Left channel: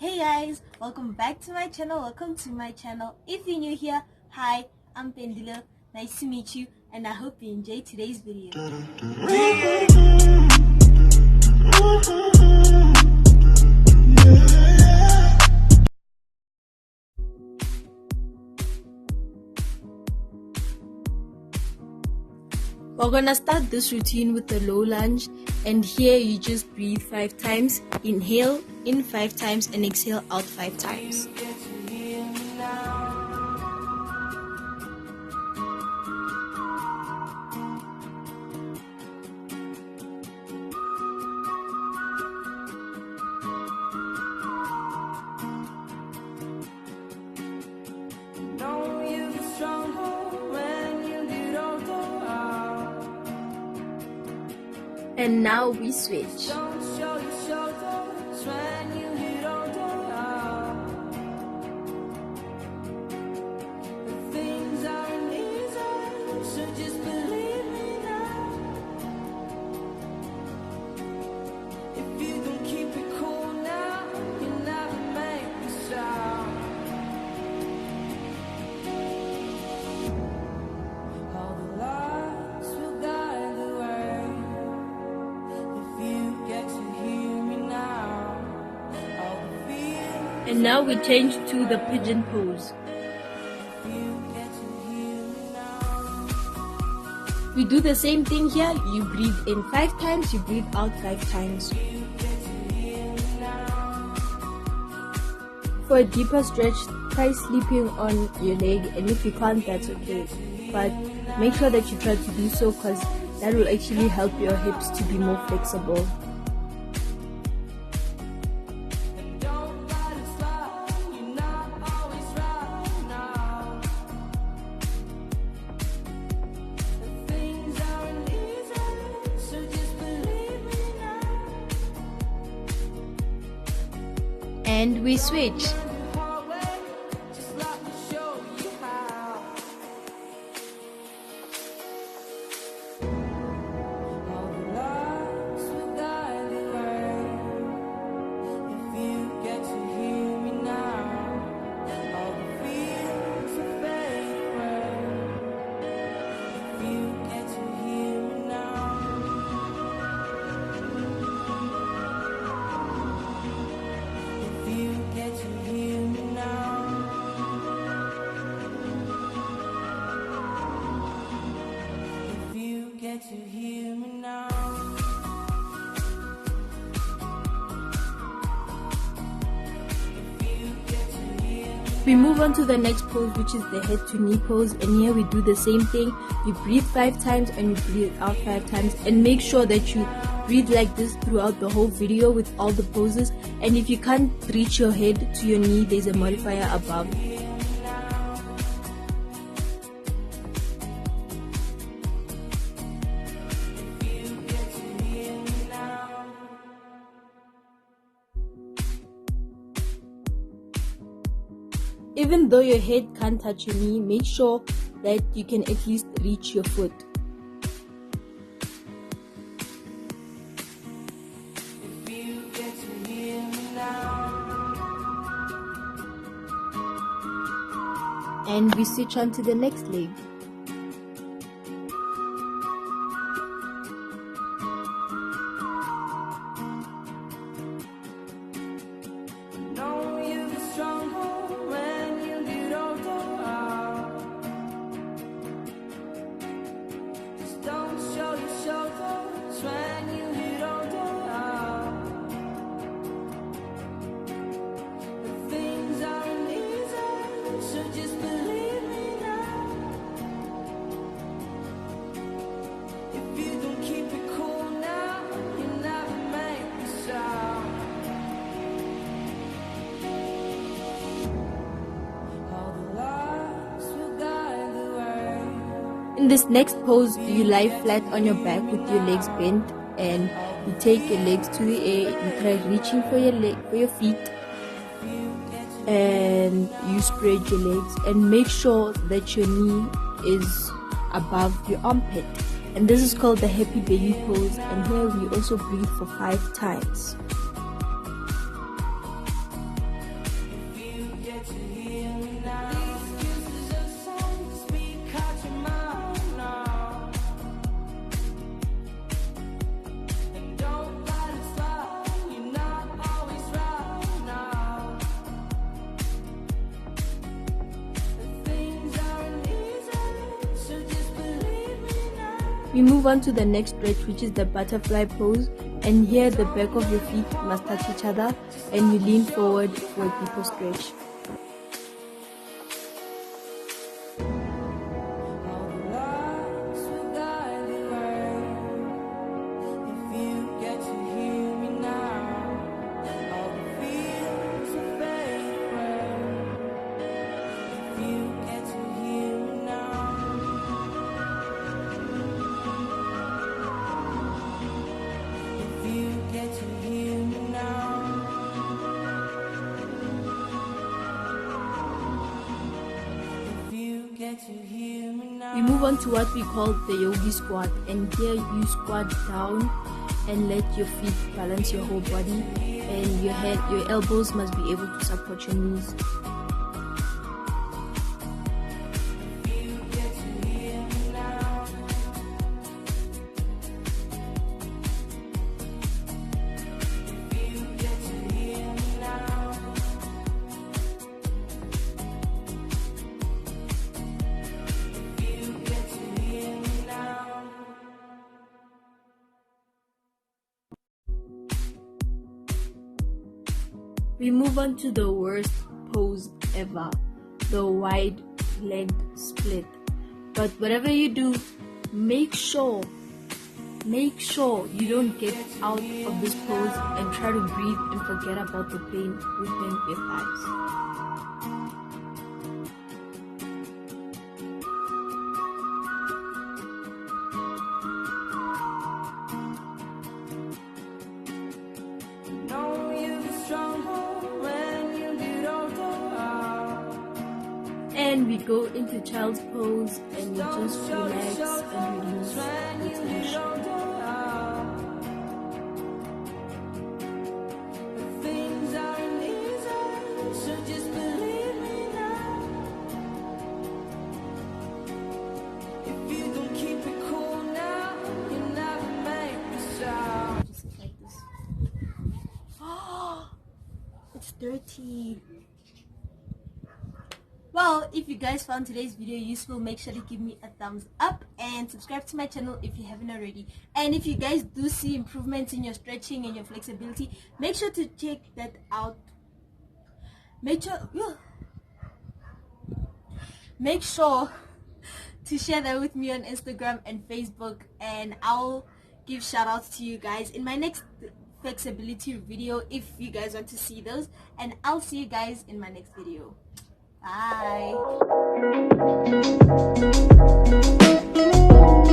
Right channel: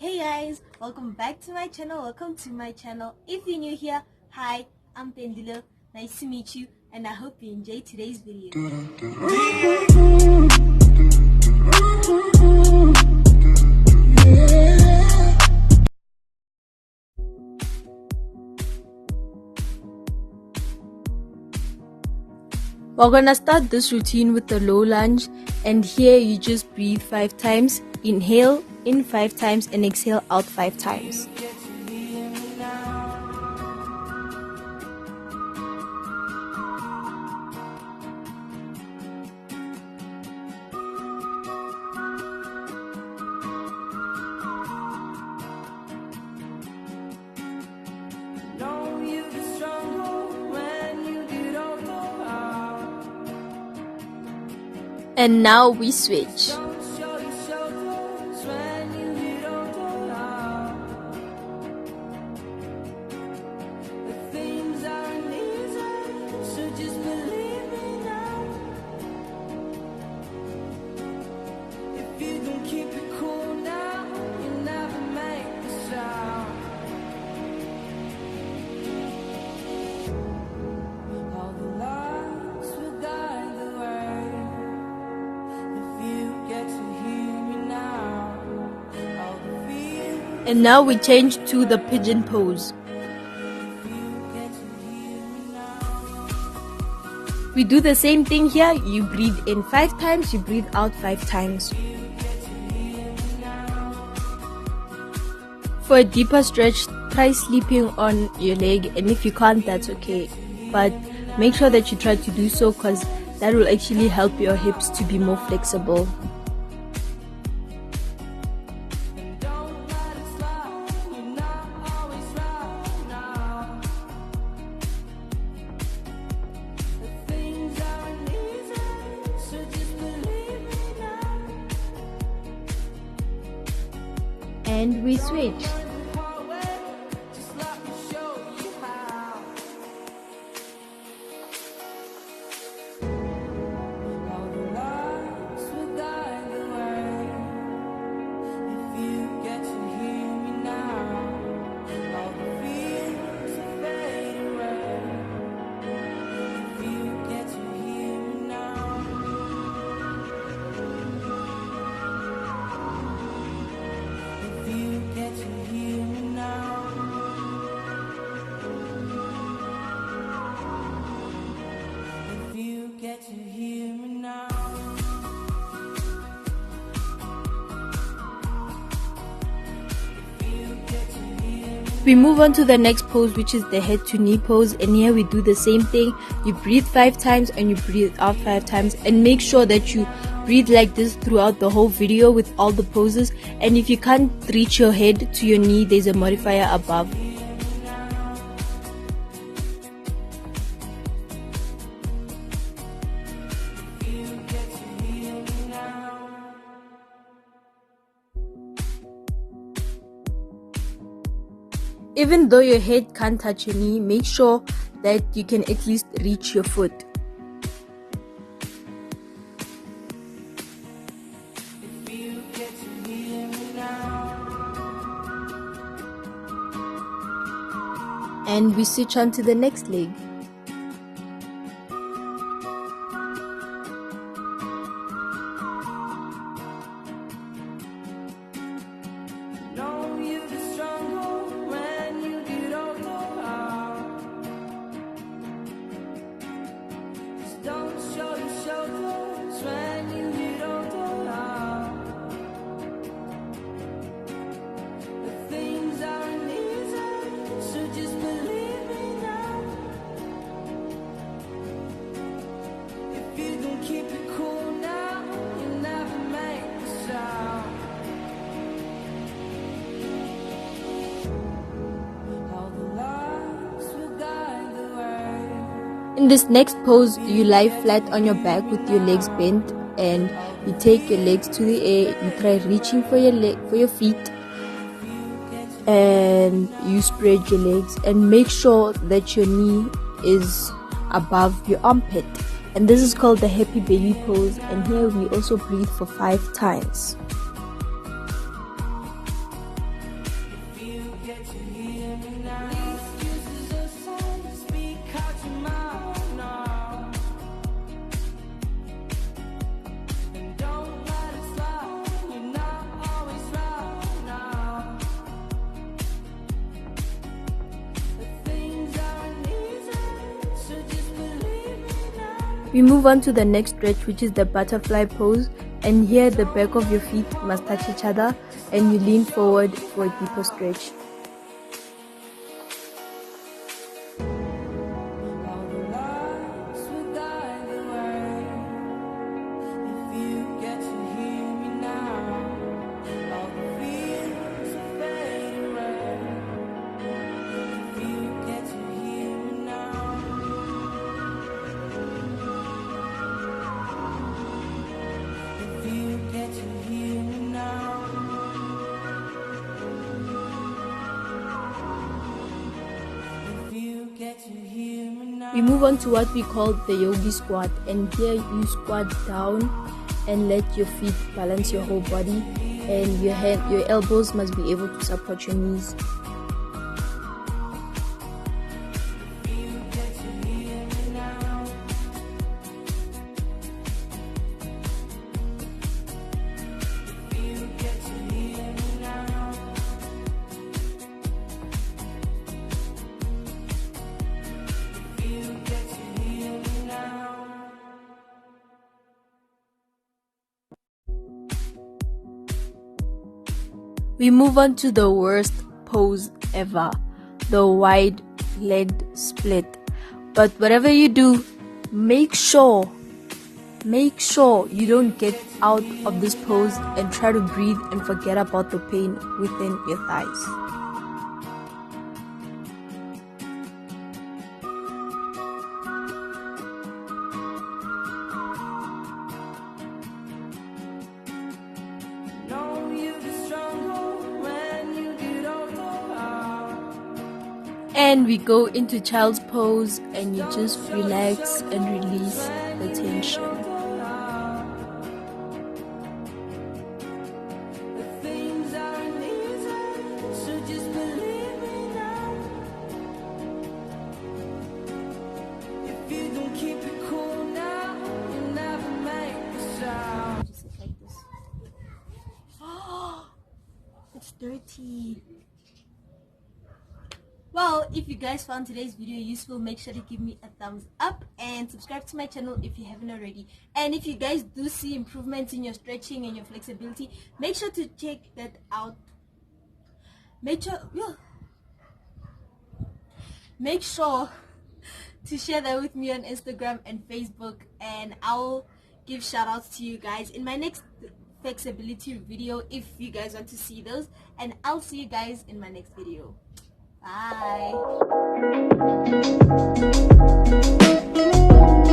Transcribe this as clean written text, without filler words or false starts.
Hey guys, welcome back to my channel. If you're new here, hi, I'm Mpendulo. Nice to meet you, and I hope you enjoyed today's video. We're gonna start this routine with the low lunge, and here you just breathe 5 times. Inhale in 5 times and exhale out 5 times. Know you get stronger when you get older. And now we switch. Don't show your shoulders when you get older. But things aren't easy, so just believe me now. If you don't keep it cool now, you never make a sound. All the lights will guide the way. If you get to hear me now, all the fears. And now we change to the pigeon pose. If you get to hear me now. We do the same thing here. You breathe in 5 times, you breathe out 5 times. If you get to hear me now. For a deeper stretch, try sleeping on your leg, and if you can't, that's okay. But make sure that you try to do so, because that will actually help your hips to be more flexible. And don't let it slide, you're not always right now. The things aren't easy, so just believe me now. And we switch. Learn the hard way, just let me show you how. All the lights will guide the way. If you get to hear me now, all the fears will fade away. If you get to hear me now. If you get to hear me now. If you get to hear me now. If you get to hear me. We move on to the next pose, which is the head to knee pose, and here we do the same thing. You breathe 5 times and you breathe out 5 times, and make sure that you breathe like this throughout the whole video with all the poses. And if you can't reach your head to your knee, there's a modifier above. If you get to hear me now. Even though your head can't touch your knee, make sure that you can at least reach your foot. If you get to hear me now. And we switch on to the next leg. Know you get stronger when you get older. Just don't show your shoulders when you get older. The things aren't easy, so just believe me now. If you don't keep it cool now, you never make a sound. All the lights will guide the way. In this next pose, you lie flat on your back with your legs bent, and you take your legs to the air. You try reaching for your feet, and you spread your legs, and make sure that your knee is above your armpit. And this is called the happy baby pose, and here we also breathe for 5 times. get to hear me now. These excuses aside, speak out your mind now. And don't let it slide, you're not always right now. Things aren't easy, so just believe me now. We move on to the next stretch, which is the butterfly pose. And here the back of your feet must touch each other and you lean forward for a deeper stretch. All the lights will guide the way. If you get to hear me now, all the fears will fade away. If you get to hear me now. If you get to hear me now. If you get to hear me now. We move on to what we call the yogi squat, and here you squat down and let your feet balance your whole body, and your elbows must be able to support your knees. If you get to hear me now. If you get to hear me now. If you get to hear me now. We move on to the worst pose ever, the wide legged split. But whatever you do, make sure you don't get out of this pose and try to breathe and forget about the pain within your thighs. Know you'll be stronger when you get older. And we go into child's pose and you just relax and release the tension. Things aren't easy, so just believe me now. If you don't keep it cool now, you never make a sound. Just sit like this. Oh, it's dirty. Well, if you guys found today's video useful, make sure to give me a thumbs up and subscribe to my channel if you haven't already. And if you guys do see improvements in your stretching and your flexibility, make sure to check that out. Make sure to share that with me on Instagram and Facebook, and I'll give shout outs to you guys in my next flexibility video if you guys want to see those. And I'll see you guys in my next video. Bye.